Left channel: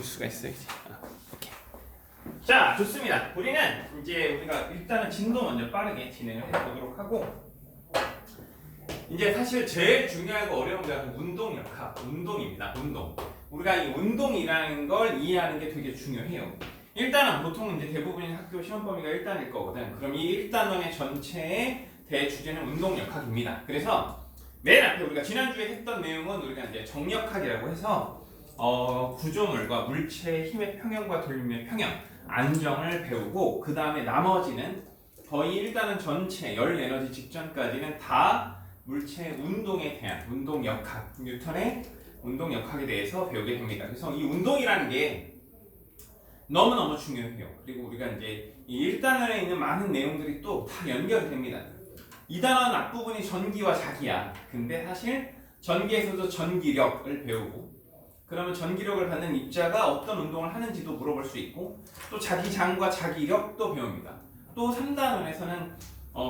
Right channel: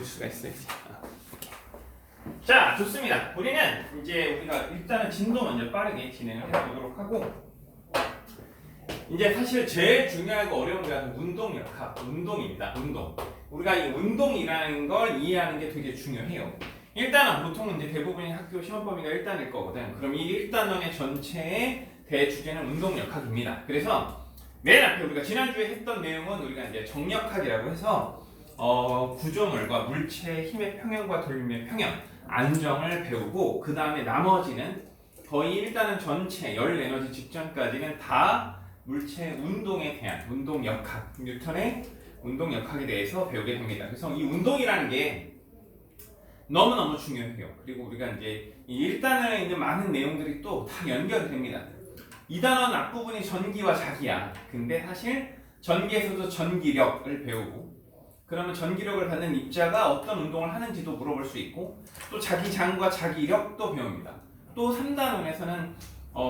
읽을 수가 있어요. 오케이. 자, 좋습니다. 우리는 이제 우리가 일단은 진도 먼저 빠르게 진행을 해보도록 하고, 이제 사실 제일 중요하고 어려운 게 운동역학, 운동입니다. 운동. 우리가 이 운동이라는 걸 이해하는 게 되게 중요해요. 일단은 보통 이제 대부분의 학교 시험 범위가 1단일 거거든. 그럼 이 1단원의 전체의 대주제는 운동역학입니다. 그래서 맨 앞에 우리가 지난주에 했던 내용은 우리가 이제 정역학이라고 해서 구조물과 물체의 힘의 평형과 돌림의 평형, 안정을 배우고, 그 다음에 나머지는 거의 일단은 전체 열 에너지 직전까지는 다 물체의 운동에 대한 운동역학, 뉴턴의 운동역학에 대해서 배우게 됩니다. 그래서 이 운동이라는 게 너무너무 중요해요. 그리고 우리가 이제 이 1단원에 있는 많은 내용들이 또 다 연결됩니다. 2단원 앞부분이 전기와 자기야. 근데 사실 전기에서도 전기력을 배우고, 그러면 전기력을 받는 입자가 어떤 운동을 하는지도 물어볼 수 있고, 또 자기장과 자기력도 배웁니다. 또 3단원에서는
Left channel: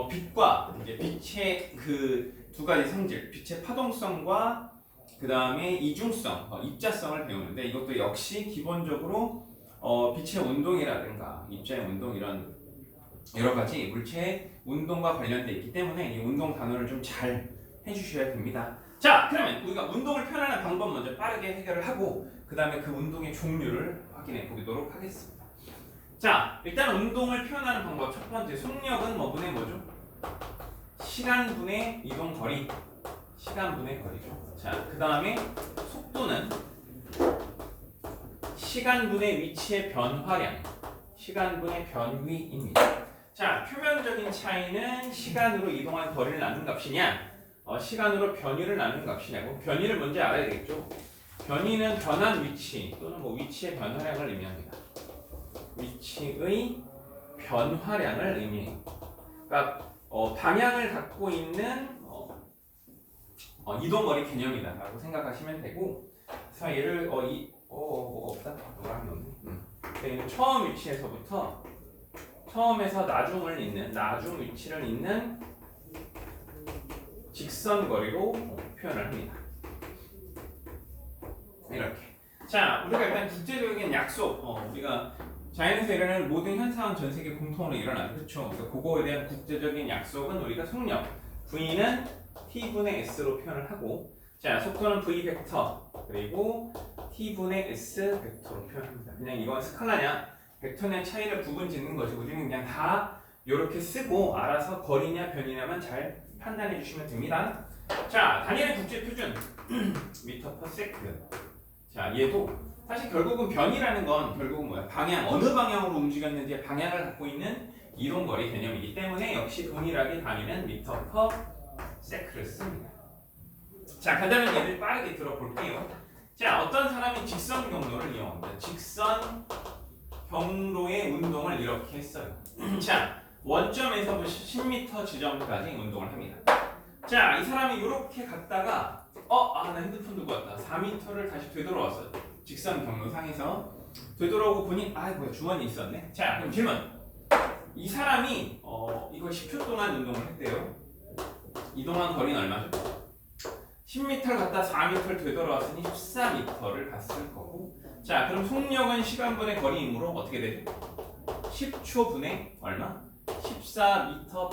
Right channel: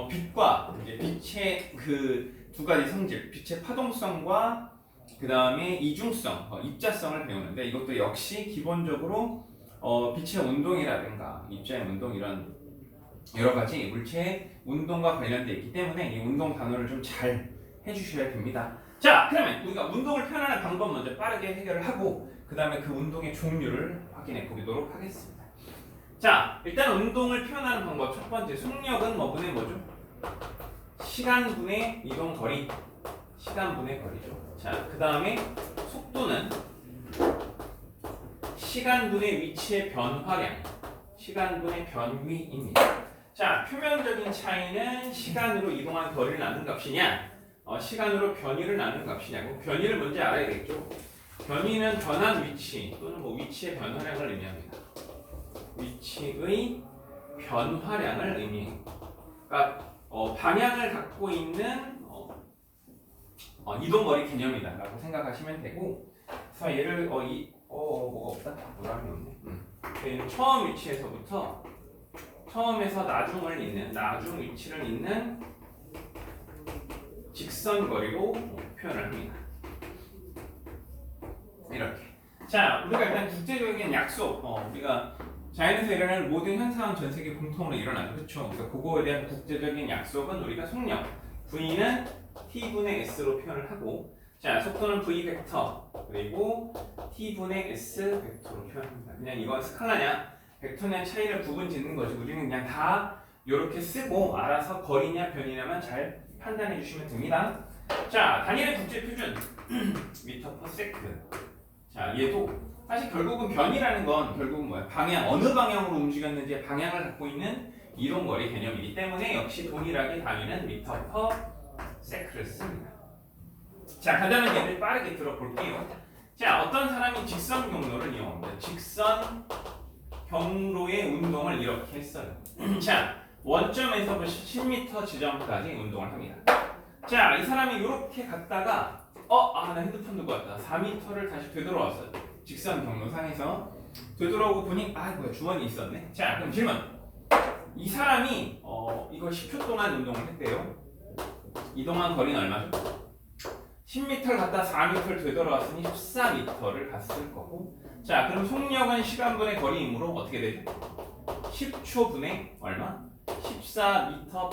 빛과 이제 빛의 그 두 가지 성질, 빛의 파동성과 그 다음에 이중성, 입자성을 배우는데, 이것도 역시 기본적으로 빛의 운동이라든가 입자의 운동, 이런 여러 가지 물체의 운동과 관련되어 있기 때문에 이 운동 단어를 좀 잘 해주셔야 됩니다. 자, 그러면 우리가 운동을 표현하는 방법 먼저 빠르게 해결을 하고, 그 다음에 그 운동의 종류를 확인해 보도록 하겠습니다. 자, 일단 운동을 표현하는 방법 첫 번째, 속력은 뭐분의 뭐죠? 시간분의 이동거리, 시간분의 거리죠. 자, 그 다음에 속도는 시간분의 위치의 변화량, 시간분의 변위입니다. 자, 표면적인 차이는 시간으로 이동한 거리를 나눈 값이냐, 시간으로 변위를 나눈 값이냐고. 변위를 먼저 알아야 되겠죠. 변위는 변한 위치 또는 뭐 위치의 변화량을 의미합니다. 위치의 변화량을 의미해요. 그러니까 방향을 갖고 있는 이동거리 개념이다라고 생각하시면 되고, 그래서 얘를 뭐가 없다? 뭐라 하면 처음 위치에서부터 처음에서 나중을 잇는, 나중 위치를 잇는 직선거리로 표현을 합니다. 이렇게. 자, 우리가 일단 국제적인 약속, 우리가 자연에서 일어나는 모든 현상은 전 세계 공통으로 일어나는, 그렇죠? 그래서 그거에 대한 국제적인 약속은 우리가 속력, V는 T분의 S로 표현을 하고, 자, 속도는 V 벡터, 그리고 T분의 S 벡터로 표현합니다. 그냥 이건 스칼라냐, 벡터냐 차이를 구분 짓는 것이, 우리는 그냥 다 이렇게 쓰고 알아서 거리냐 변이냐만 잘 판단해 주시면 됩니다. 자, 단일의 국제 표준 미터 퍼 세컨드. 자, 얘도 사실 결국은 변이라는 건 결국은 뭐야? 방향, 어느 방향으로 움직였는지 방향을 갖고 있는 이동거리 개념이기 때문에 역시 동일하게 단위는 미터 퍼 세컨드를 씁니다. 자, 간단한 예를 빠르게 들어볼게요. 자, 어떤 사람이 직선 경로를 이용합니다. 직선 경로의 운동을 이렇게 했어요. 자, 원점에서부터 10m 지점까지 운동을 합니다. 자, 이 사람이 이렇게 갔다가 나 핸드폰 두고 왔다. 4m를 다시 되돌아왔어요. 직선 경로상에서 되돌아오고 보니 뭐야, 주머니 있었네. 자, 그럼 질문. 이 사람이 이걸 10초 동안 운동을 했대요. 이동한 거리는 얼마죠? 10m를 갔다 4m를 되돌아왔으니 14m를 갔을 거고, 자, 그럼 속력은 시간분의 거리이므로 어떻게 되죠? 10초분의 얼마? 14m죠?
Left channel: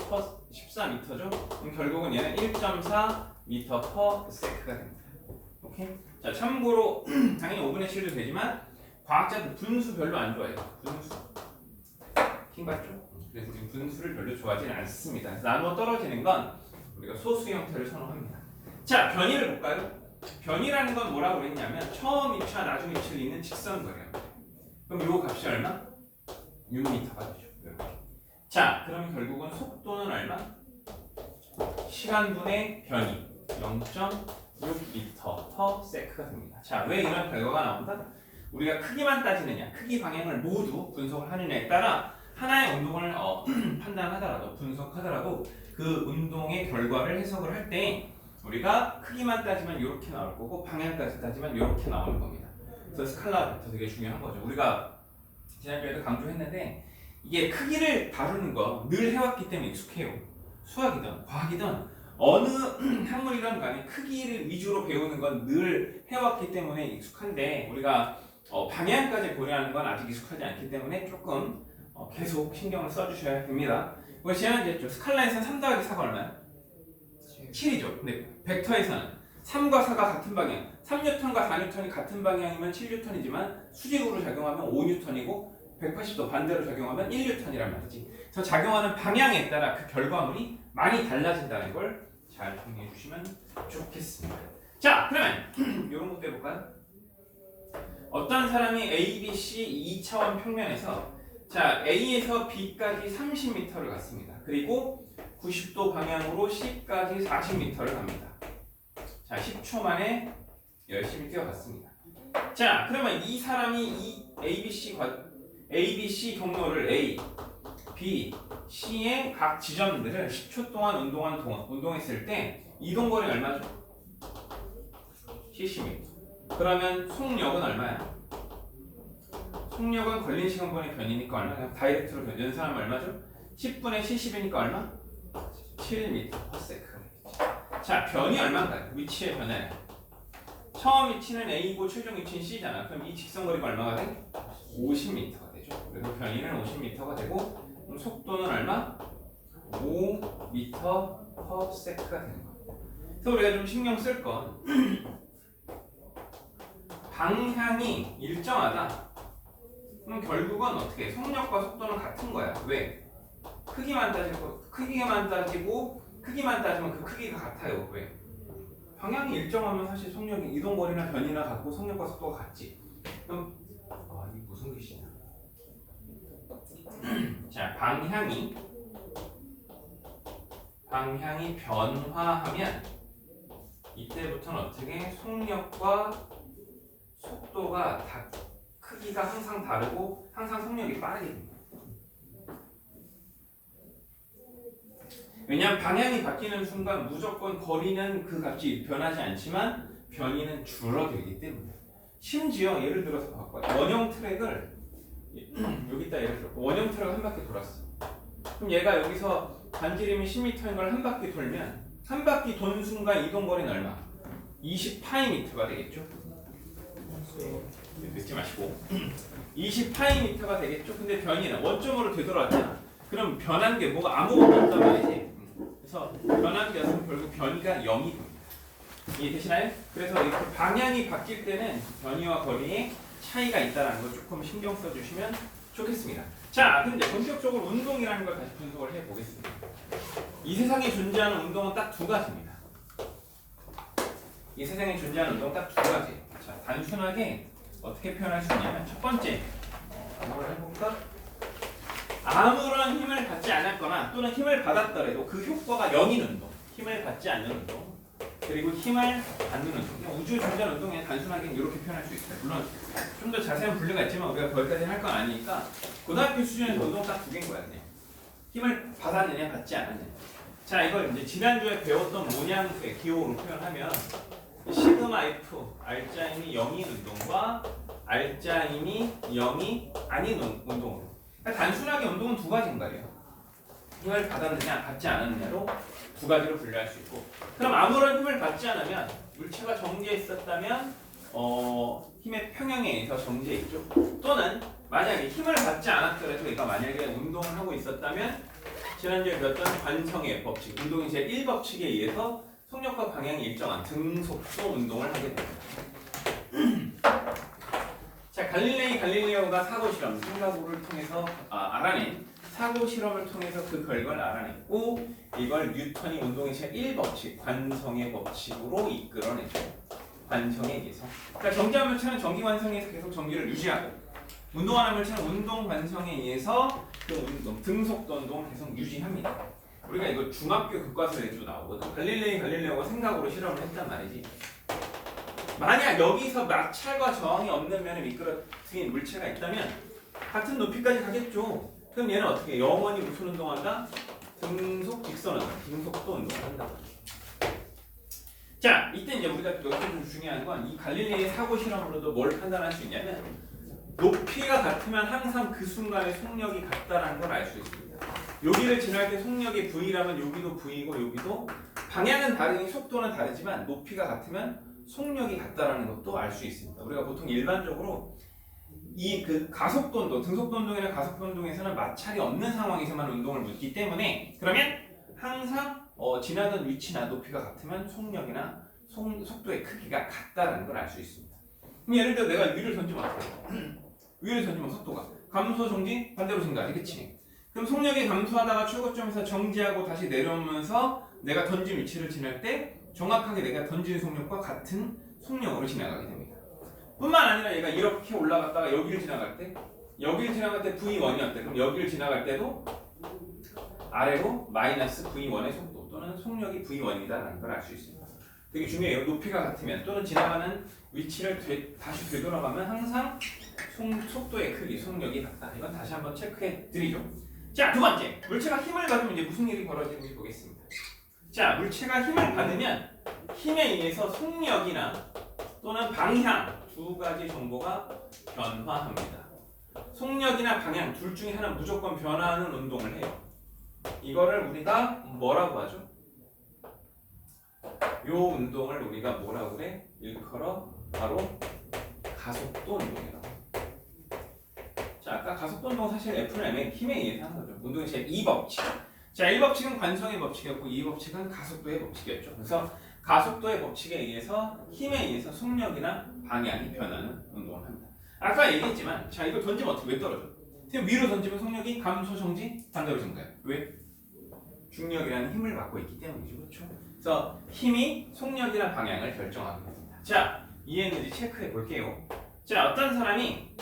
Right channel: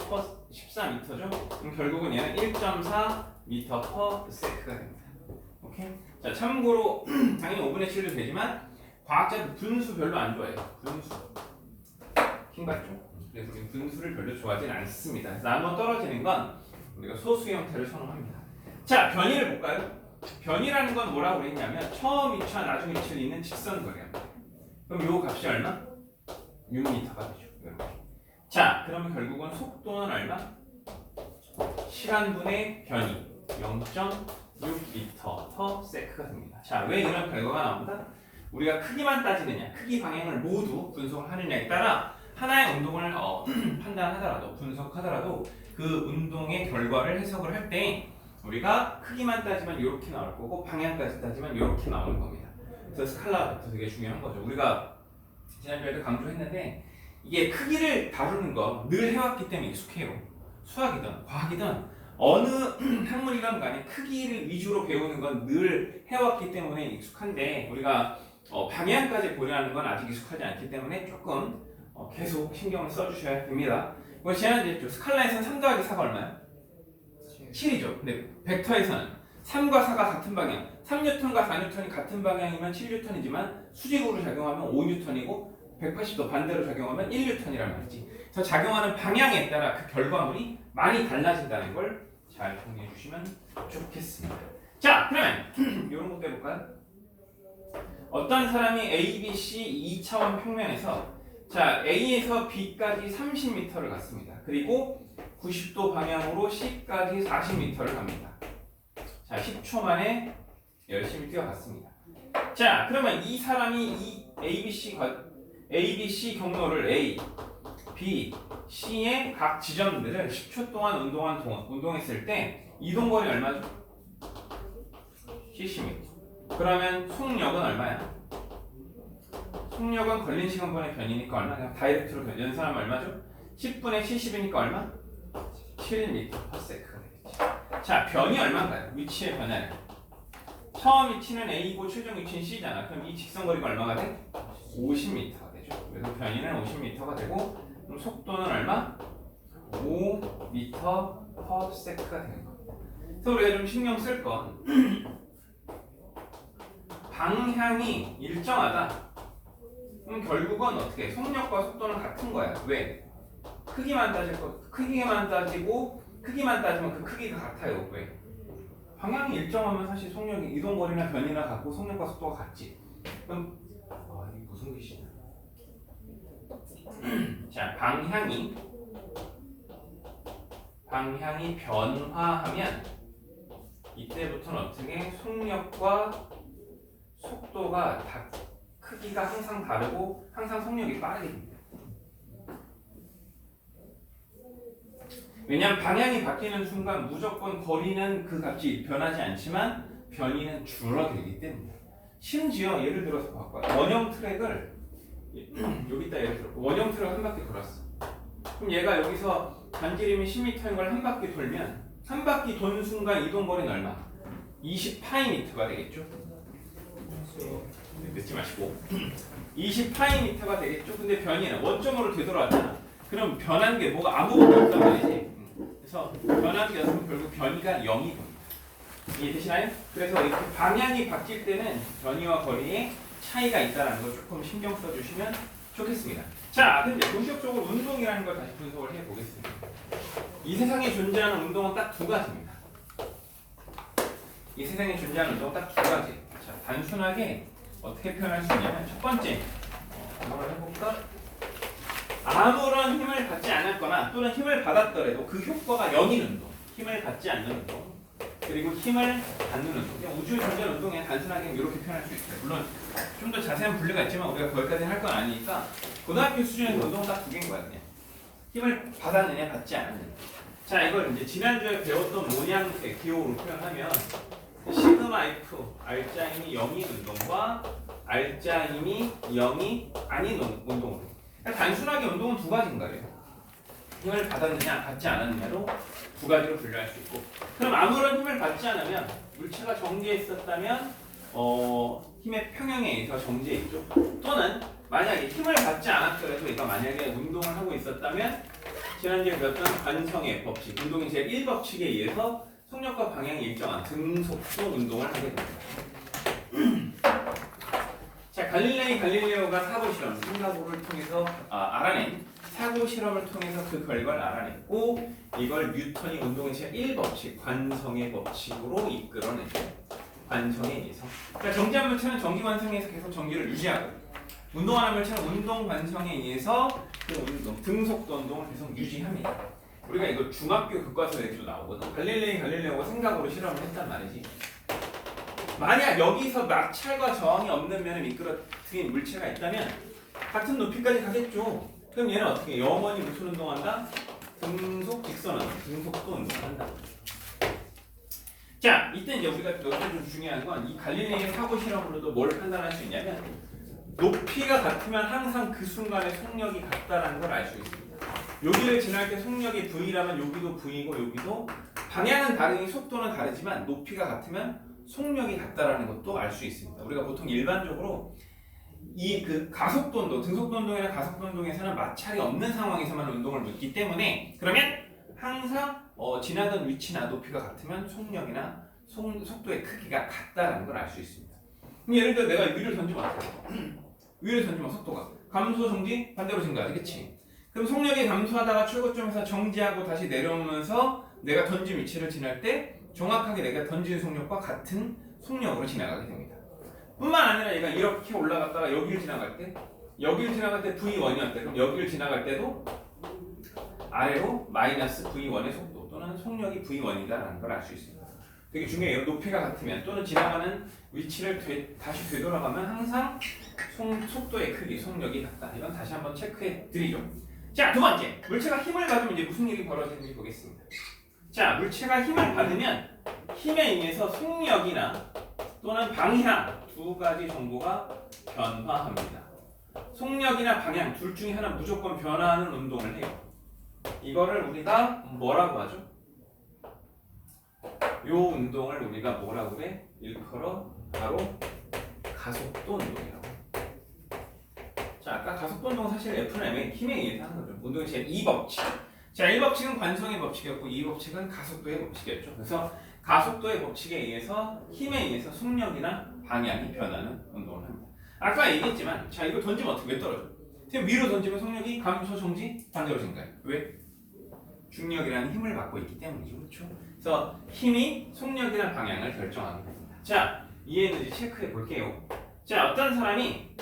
그럼 결국은 얘는 1.4m per sec가 됩니다. 오케이? 자, 참고로 당연히 5분의 7도 되지만 과학자들 분수 별로 안 좋아해요. 분수. 킹받죠? 그래서 우리는 분수를 별로 좋아하지는 않습니다. 그래서 나누어 떨어지는 건 우리가 소수 형태를 선호합니다. 자, 변이를 볼까요? 변이라는 건 뭐라고 그랬냐면 처음 위치와 나중 위치를 잇는 직선거리야. 그럼 요 값이 얼마? 6m가 되죠. 이렇게. 자, 그러면 결국은 속도는 얼마? 시간분의 변이 0.6m per sec가 됩니다. 자, 왜 이런 결과가 나온다? 우리가 크기만 따지느냐, 크기 방향을 모두 분석을 하느냐에 따라 하나의 운동을 판단하더라도, 분석하더라도 그 운동의 결과를 해석을 할 때 우리가 크기만 따지면 이렇게 나올 거고, 방향까지 따지면 이렇게 나오는 겁니다. 그래서 스칼라 벡터 되게 중요한 거죠. 우리가 지난주에도 강조했는데, 이게 크기를 다루는 거 늘 해왔기 때문에 익숙해요. 수학이든 과학이든 어느 학문이든 간에 크기를 위주로 배우는 건 늘 해왔기 때문에 익숙한데, 우리가 방향까지 고려하는 건 아직 익숙하지 않기 때문에 조금 계속 신경을 써주셔야 됩니다. 이거 지난주에 스칼라에서는 3 더하기 4가 얼마야? 7이죠. 근데 벡터에서는 3과 4가 같은 방향, 3N과 4N이 같은 방향이면 7N이지만 수직으로 작용하면 5N이고 180도 반대로 작용하면 1N이란 말이지. 그래서 작용하는 방향에 따라 그 결과물이 많이 달라진다는 걸 잘 정리해 주시면 좋겠습니다. 자, 그러면 이런 것도 해볼까요? 어떤 사람이 A, B, C 2차원 평면에서 자 A에서 B까지 30m를 갔습니다. 그리고 90도 방향으로 C까지 40m를 갑니다. 자 10초 만에 열심히 뛰어갔습니다. 자 그러면 이 사람이 이 ABC 경로를 A, B, C의 각 지점들을 10초 동안 운동했을 때 이동거리 얼마죠? 70m. 그러면 속력은 얼마야? 속력은 걸린 시간분의 변이니까 얼마? 그냥 다이렉트로 연산하면 얼마죠? 10분의 70이니까 얼마? 7m/s가 되겠지. 자, 변이 얼마인가요? 위치의 변화는 처음 위치는 A고 최종 위치는 C잖아. 그럼 이 직선거리가 얼마가 돼? 50m가 되죠. 그래서 변이는 50m가 되고 그럼 속도는 얼마? 5m/s가 되는 겁니다. 그래서 우리가 좀 신경 쓸 건 방향이 일정하다. 그럼 결국은 어떻게? 속력과 속도는 같은 거야. 왜? 크기만 따지고 크기만 따지면 그 크기가 같아요. 왜? 방향이 일정하면 사실 속력이 이동거리나 변이나 같고 속력과 속도가 같지. 그럼 이게 무슨 글씨냐? 자, 방향이 변화하면 이때부터는 어떻게 속력과 속도가 크기가 항상 다르고 항상 속력이 빠르게 됩니다. 왜냐하면 방향이 바뀌는 순간 무조건 거리는 그 값이 변하지 않지만 변이는 줄어들기 때문에. 심지어 예를 들어서 봐봐요. 원형 트랙을 여기다 예를 들어 원형 트랙 한 바퀴 돌았어. 그럼 얘가 여기서 반지름이 10m인 걸 한 바퀴 돌면 한 바퀴 도는 순간 이동거리는 얼마? 20파이미터가 되겠죠. 늦지 마시고 20파이미터가 되겠죠. 근데 변이는 원점으로 되돌아왔잖아. 그럼 변한 게 뭐가 아무것도 없단 말이지. 그래서 변한 게 없으면 결국 변이가 0이 됩니다. 이해되시나요? 그래서 이렇게 방향이 바뀔 때는 변이와 거리에 차이가 있다는 걸 조금 신경 써주시면 좋겠습니다. 자, 근데 본격적으로 운동이라는 걸 다시 분석을 해보겠습니다. 이 세상에 존재하는 운동은 딱 두 가지입니다. 이 세상에 존재하는 운동은 딱 두 가지. 자, 단순하게 어떻게 표현할 수 있냐면 첫 번째 한번 해볼까? 아무런 힘을 받지 않았거나 또는 힘을 받았더라도 그 효과가 0인 운동, 힘을 받지 않는 운동, 그리고 힘을 받는 운동. 그냥 우주 전전 운동에 단순하게 이렇게 표현할 수 있어요. 물론 좀 더 자세한 분류가 있지만 우리가 거기까지 할 건 아니니까 고등학교 수준에서 운동 딱 두 개인 거야. 그냥 힘을 받았느냐 받지 않았느냐. 자, 이걸 이제 지난주에 배웠던 모양새 기호로 표현하면 시그마 F, 알자 힘이 0인 운동과 알자 힘이 0이 아닌 운동. 그러니까 단순하게 운동은 두 가지인 거예요. 힘을 받았느냐 받지 않았느냐로 두 가지로 분류할 수 있고, 그럼 아무런 힘을 받지 않으면 물체가 정지해 있었다면 힘의 평형에 의해서 정지해 있죠. 또는 만약에 힘을 받지 않았더라도 얘가 만약에 운동을 하고 있었다면 지난주에 배웠던 관성의 법칙, 운동의 제1법칙에 의해서 속력과 방향이 일정한 등속도 운동을 하게 됩니다. 자, 갈릴레오가 사고 실험, 생각을 통해서 알아낸 사고 실험을 통해서 그 결과를 알아냈고, 이걸 뉴턴이 운동의 제1법칙, 관성의 법칙으로 이끌어내죠. 관성에 의해서. 그러니까 정지한 물체는 정기 관성에서 계속 정기를 유지하고, 운동하는 물체는 운동 관성에 의해서 그 운동, 등속도 운동을 계속 유지합니다. 우리가 이거 중학교 교과서에도 나오거든. 갈릴레오가 생각으로 실험을 했단 말이지. 만약 여기서 마찰과 저항이 없는 면을 미끄러뜨린 물체가 있다면 같은 높이까지 가겠죠. 그럼 얘는 어떻게 영원히 무슨 운동한다? 등속 직선 운동, 등속도 운동을 한다. 자, 이때 이제 우리가 여기서 좀 중요한 건 이 갈릴레이의 사고 실험으로도 뭘 판단할 수 있냐면 높이가 같으면 항상 그 순간의 속력이 같다라는 걸 알 수 있습니다. 여기를 지날 때 속력이 V라면 여기도 V고 여기도 방향은 다르니 속도는 다르지만 높이가 같으면 속력이 같다라는 것도 알 수 있습니다. 우리가 보통 일반적으로 이 그 가속도 운동, 등속도 운동이나 가속도 운동에서는 마찰이 없는 상황에서만 운동을 묻기 때문에 그러면 항상 지나던 위치나 높이가 같으면 속력이나 속도의 크기가 같다라는 걸 알 수 있습니다. 그럼 예를 들어 내가 위를 던지면 어떻게 돼? 위를 던지면 속도가 감소, 정지, 반대로 증가하지, 그치? 그럼 속력이 감소하다가 출고점에서 정지하고 다시 내려오면서 내가 던진 위치를 지날 때 정확하게 내가 던진 속력과 같은 속력으로 지나가게 됩니다. 뿐만 아니라 얘가 이렇게 올라갔다가 여기를 지나갈 때 V1이었대. 그럼 여기를 지나갈 때도 아래로 마이너스 V1의 속도 또는 속력이 V1이다라는 걸 알 수 있습니다. 되게 중요해요. 높이가 같으면 또는 지나가는 위치를 다시 되돌아가면 항상 속도의 크기, 속력이 같다. 이건 다시 한번 체크해 드리죠. 자, 두 번째. 물체가 힘을 받으면 이제 무슨 일이 벌어지는지 보겠습니다. 자, 물체가 힘을 받으면 힘에 의해서 속력이나 또는 방향 두 가지 정보가 변화합니다. 속력이나 방향 둘 중에 하나 무조건 변화하는 운동을 해요. 이거를 우리가 뭐라고 하죠? 요 운동을 우리가 뭐라고 그래? 일컬어 바로 가속도 운동이라고. 자, 아까 가속도 운동 사실 F는 M의 힘에 의해서 하는 거죠. 운동의 제2법칙. 자, 1법칙은 관성의 법칙이었고 2법칙은 가속도의 법칙이었죠. 그래서 가속도의 법칙에 의해서 힘에 의해서 속력이나 방향이 변하는 운동을 합니다. 아까 얘기했지만 자, 이거 던지면 어떻게 왜 떨어져? 위로 던지면 속력이 감소, 정지, 반대로 증가해요. 왜? 중력이라는 힘을 받고 있기 때문이죠. 그렇죠? 그래서 힘이 속력이나 방향을 결정하게 됩니다. 자, 이해했는지 체크해 볼게요. 자, 어떤 사람이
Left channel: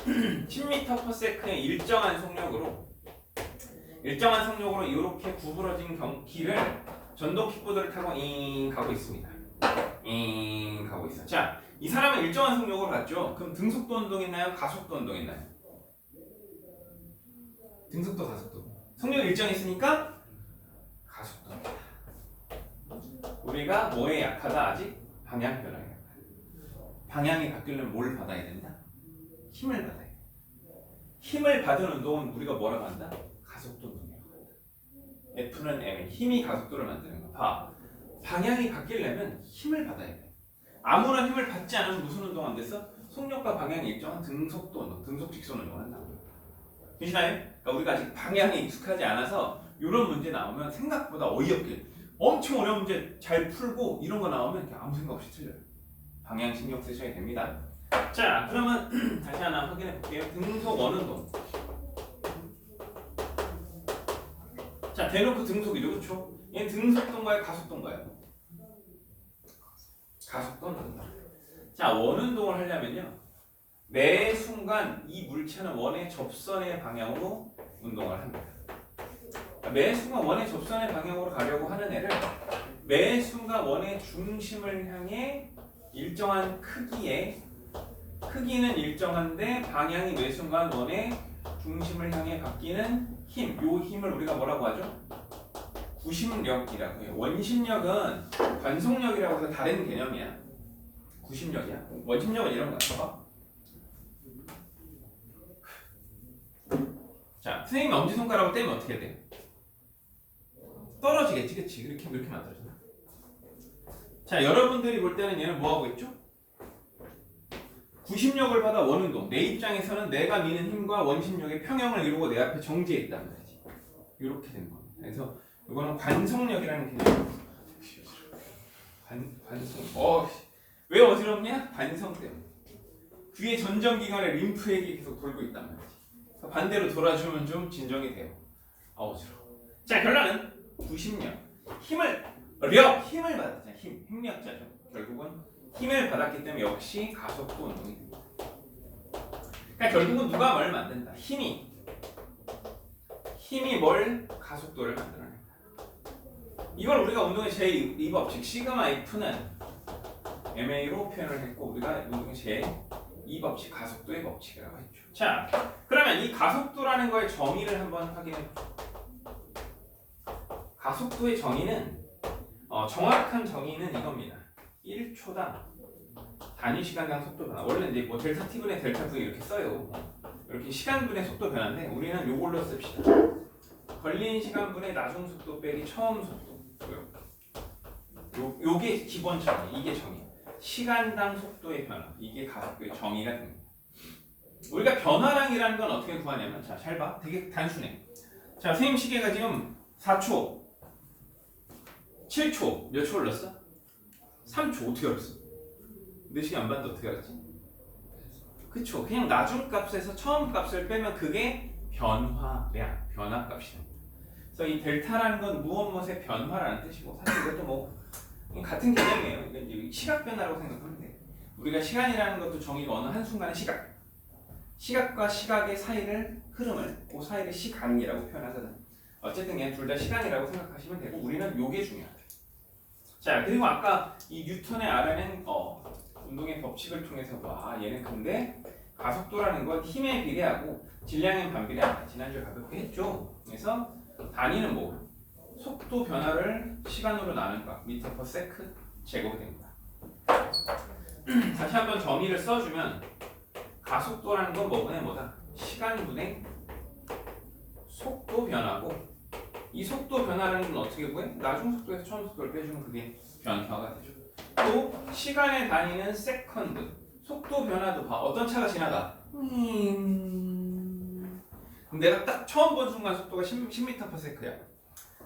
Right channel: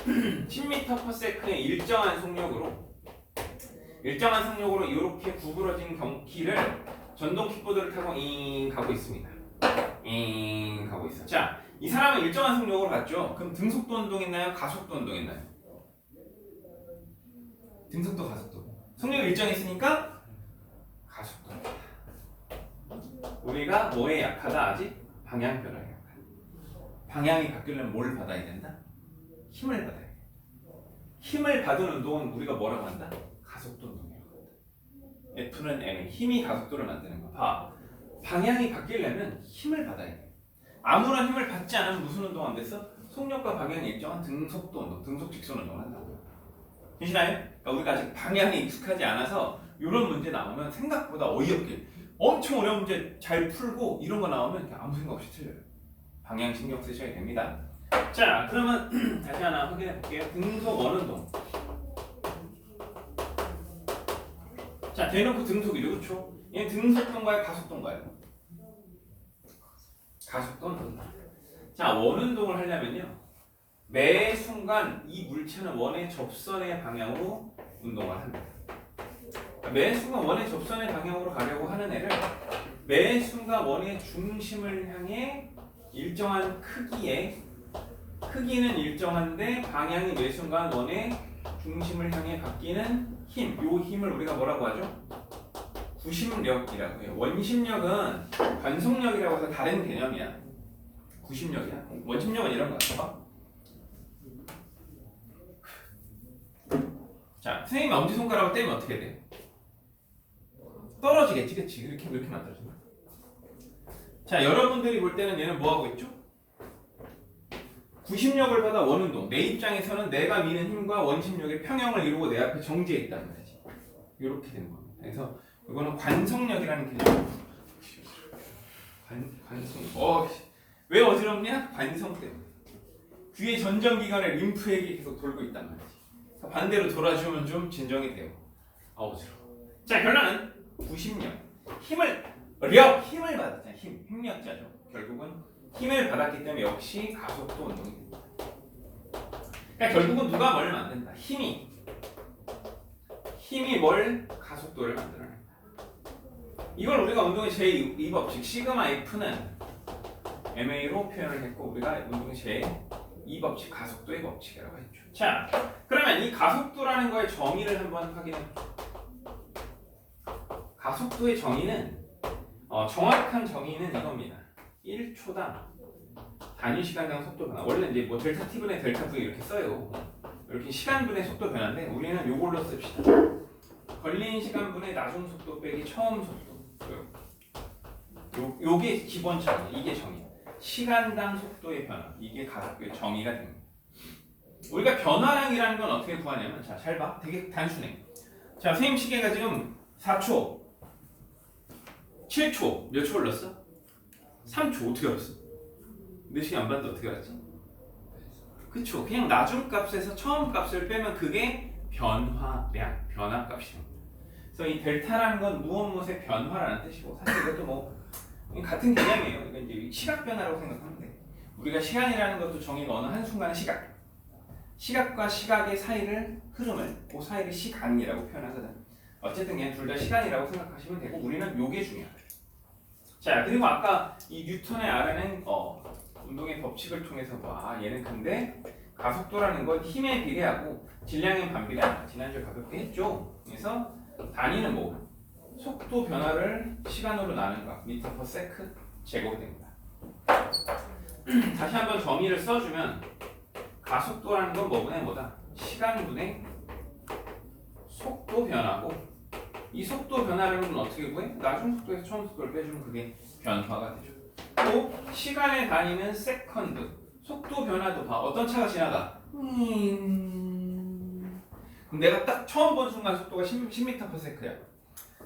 10m/s의 일정한 속력으로 이렇게 구부러진 길을 전동 킥보드를 타고 가고 있습니다. 가고 있어. 자, 이 사람은 일정한 속력으로 갔죠. 그럼 등속도 운동 있나요? 가속도 운동 있나요? 등속도, 가속도. 속력이 일정했으니까 가속도. 우리가 뭐에 약하다 아직? 방향 변화에 약하다. 방향이 바뀌려면 뭘 받아야 된다? 힘을 받아야 돼. 힘을 받은 운동은 우리가 뭐라고 한다? 가속도 운동이라고 한다. F는 M의 힘이 가속도를 만드는 거. 봐. 방향이 바뀌려면 힘을 받아야 돼. 아무런 힘을 받지 않으면 무슨 운동 안 됐어? 속력과 방향이 일정한 등속도 운동, 등속 직선 운동을 한다고요. 되시나요? 그러니까 우리가 아직 방향에 익숙하지 않아서 이런 문제 나오면 생각보다 어이없게 엄청 어려운 문제 잘 풀고 이런 거 나오면 아무 생각 없이 틀려요. 방향 신경 쓰셔야 됩니다. 자, 그러면 다시 하나 확인해 볼게요. 등속 원운동. 자, 대놓고 등속이죠, 그렇죠? 얘는 등속도인가요, 가속도인가요? 가속도는. 자, 원운동을 하려면요, 매 순간 이 물체는 원의 접선의 방향으로 운동을 합니다. 매 순간 원의 접선의 방향으로 가려고 하는 애를 매 순간 원의 중심을 향해 일정한 크기는 일정한데 방향이 매 순간 원의 중심을 향해 바뀌는 힘, 요 힘을 우리가 뭐라고 하죠? 구심력이라고 해요. 원심력은 관속력이라고 해서 다른 개념이야. 구심력이야. 원심력은 이런 거야. 자, 선생님이 엄지손가락을 떼면 어떻게 돼? 떨어지겠지, 그치? 이렇게 만들어진다. 자, 여러분들이 볼 때는 얘는 뭐 하고 있죠? 구심력을 받아 원운동. 내 입장에서는 내가 미는 힘과 원심력의 평형을 이루고 내 앞에 정지해 있단 말이지. 이렇게 되는 겁니다. 그래서 이거는 관성력이라는 개념. 관성. 왜 어지럽냐? 관성 때문에. 귀의 전정기관에 림프액이 계속 돌고 있단 말이지. 반대로 돌아주면 좀 진정이 돼요. 어지러워. 자, 결론은 구심력. 힘을 받았잖아요. 힘력자죠. 결국은 힘을 받았기 때문에 역시 가속도 운동이 됩니다. 그러니까 결국은 누가 뭘 만든다? 힘이 뭘 가속도를 만들어낸다. 이걸 우리가 운동의 제2법칙 시그마 F는 MA로 표현을 했고 우리가 운동의 제2법칙 가속도의 법칙이라고 했죠. 자, 그러면 이 가속도라는 거의 정의를 한번 확인해 볼게요. 가속도의 정의는 정확한 정의는 이겁니다. 1초당 단위 시간당 속도 변화. 원래 이제 뭐 델타 T분의 델타 V 이렇게 써요. 이렇게 시간분의 속도 변화인데 우리는 요걸로 씁시다. 걸린 시간분의 나중 속도 빼기 처음 속도. 요게 기본 정의. 이게 정의. 시간당 속도의 변화. 이게 가속도의 정의가 됩니다. 우리가 변화량이라는 건 어떻게 구하냐면 자, 잘 봐. 되게 단순해. 자, 선생님 시계가 지금 4초, 7초, 몇 초 흘렀어? 3초. 어떻게 알았어? 내 시계 안 봤는데 어떻게 알았지? 그쵸. 그냥 나중 값에서 처음 값을 빼면 그게 변화량, 변화값이에요. 그래서 이 델타라는 건 무엇의 변화라는 뜻이고, 사실 이것도 뭐 같은 개념이에요. 이건 이제 시각 변화라고 생각하면 돼. 우리가 시간이라는 것도 정의가 어느 한순간의 시각과 시각의 사이를 흐름을 그 사이를 시간이라고 표현하거든. 어쨌든 그냥 둘 다 시간이라고 생각하시면 되고 우리는 요게 중요하다. 자, 그리고 아까 이 뉴턴의 R는 운동의 법칙을 통해서 얘는 근데 가속도라는 건 힘에 비례하고 질량엔 반비례한다. 지난주에 가볍게 했죠. 그래서 단위는 뭐 속도 변화를 시간으로 나눈 것 미터 퍼 세크 제곱이 됩니다. 다시 한번 정의를 써주면 가속도라는 건 뭐분의 뭐다? 시간분의 속도 변화고 이 속도 변화라는 건 어떻게 구해? 나중 속도에서 처음 속도를 빼주면 그게 변화가 되죠. 또 시간의 단위는 세컨드. 속도 변화도 봐. 어떤 차가 지나가? 그럼 내가 딱 처음 본 순간 속도가 10m/s야.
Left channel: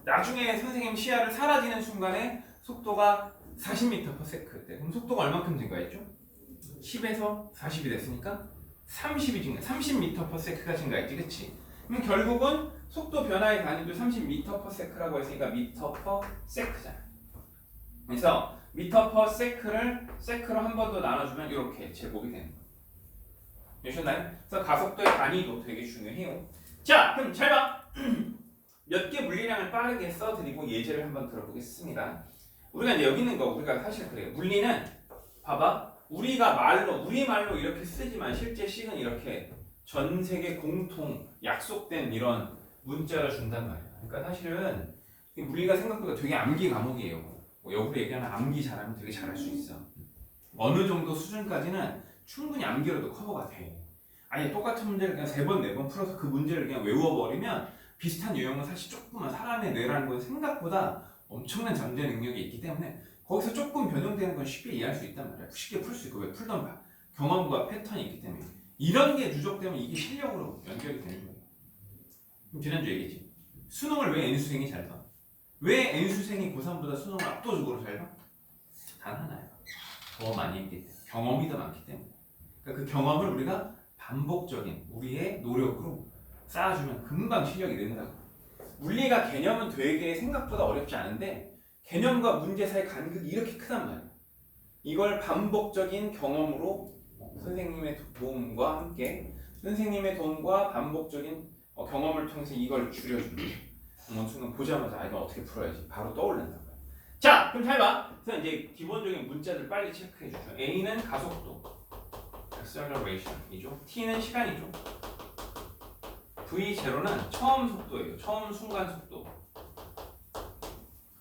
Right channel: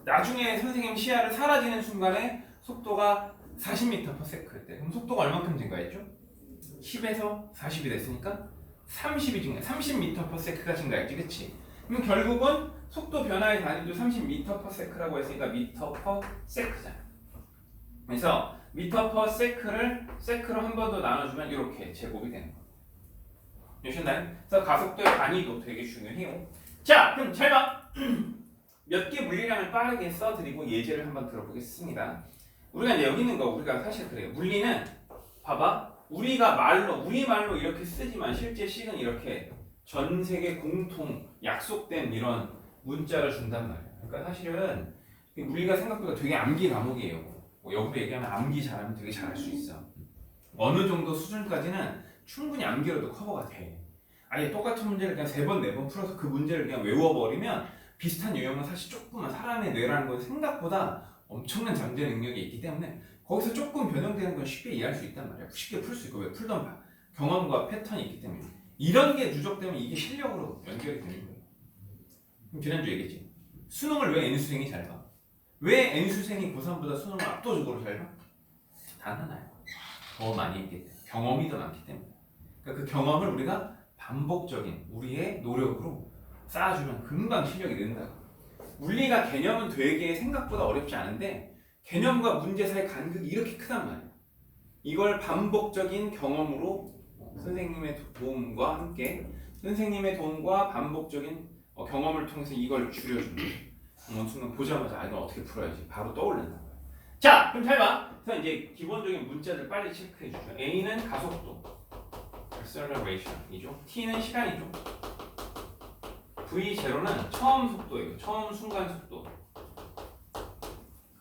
나중에 선생님 시야를 사라지는 순간에 속도가 40m/s였대. 그럼 속도가 얼마큼 증가했죠? 10에서 40이 됐으니까 30이 증가, 30m/s가 증가했지, 그렇지? 그럼 결국은 속도 변화의 단위도 30m/s라고 했으니까 m/s잖아. 그래서 m/s를 세크로 한 번 더 나눠주면 이렇게 제곱이 되는 거예요. 되셨나요? 그래서 가속도의 단위도 되게 중요해요. 자, 그럼 잘 봐. 몇 개 물리량을 빠르게 써드리고 예제를 한번 들어보겠습니다. 우리가 이제 여기 있는 거 우리가 사실 그래요. 물리는 봐봐. 우리말로 이렇게 쓰지만 실제 식은 이렇게 전 세계 공통 약속된 이런 문자를 준단 말이야. 그러니까 사실은 물리가 생각보다 되게 암기 과목이에요. 뭐 역으로 얘기하면 암기 잘하면 되게 잘할 수 있어. 어느 정도 수준까지는 충분히 암기로도 커버가 돼. 아예 똑같은 문제를 그냥 3번, 4번 풀어서 그 문제를 그냥 외워버리면 비슷한 유형은 사실 조금만 사람의 뇌라는 건 생각보다 엄청난 잠재 능력이 있기 때문에 거기서 조금 변형되는 건 쉽게 이해할 수 있단 말이야. 쉽게 풀 수 있고 왜 풀던 경험과 패턴이 있기 때문에 이런 게 누적되면 이게 실력으로 연결이 되는 거예요. 그럼 지난주 얘기했지. 수능을 왜 N수생이 잘 봐? 왜 N수생이 고3보다 수능을 압도적으로 잘 봐? 단 하나예요. 더 많이 했기 때문에. 경험이 더 많기 때문에. 그러니까 그 경험을 우리가 반복적인 우리의 노력으로 쌓아주면 금방 실력이 는다고. 물리가 개념은 되게 생각보다 어렵지 않은데 개념과 문제 사이 간극이 이렇게 크단 말이에요. 이걸 반복적인 경험으로 선생님의 도움과 함께 선생님의 도움과 반복적인 경험을 통해서 이걸 줄여줍니다. 어느 순간 보자마자 이거 어떻게 풀어야지 바로 떠올린단 말이에요. 자, 그럼 잘 봐. 그래서 이제 기본적인 문자들 빨리 체크해 주죠. A는 가속도, acceleration이죠. T는 시간이죠. V0는 처음 속도예요. 처음 순간 속도.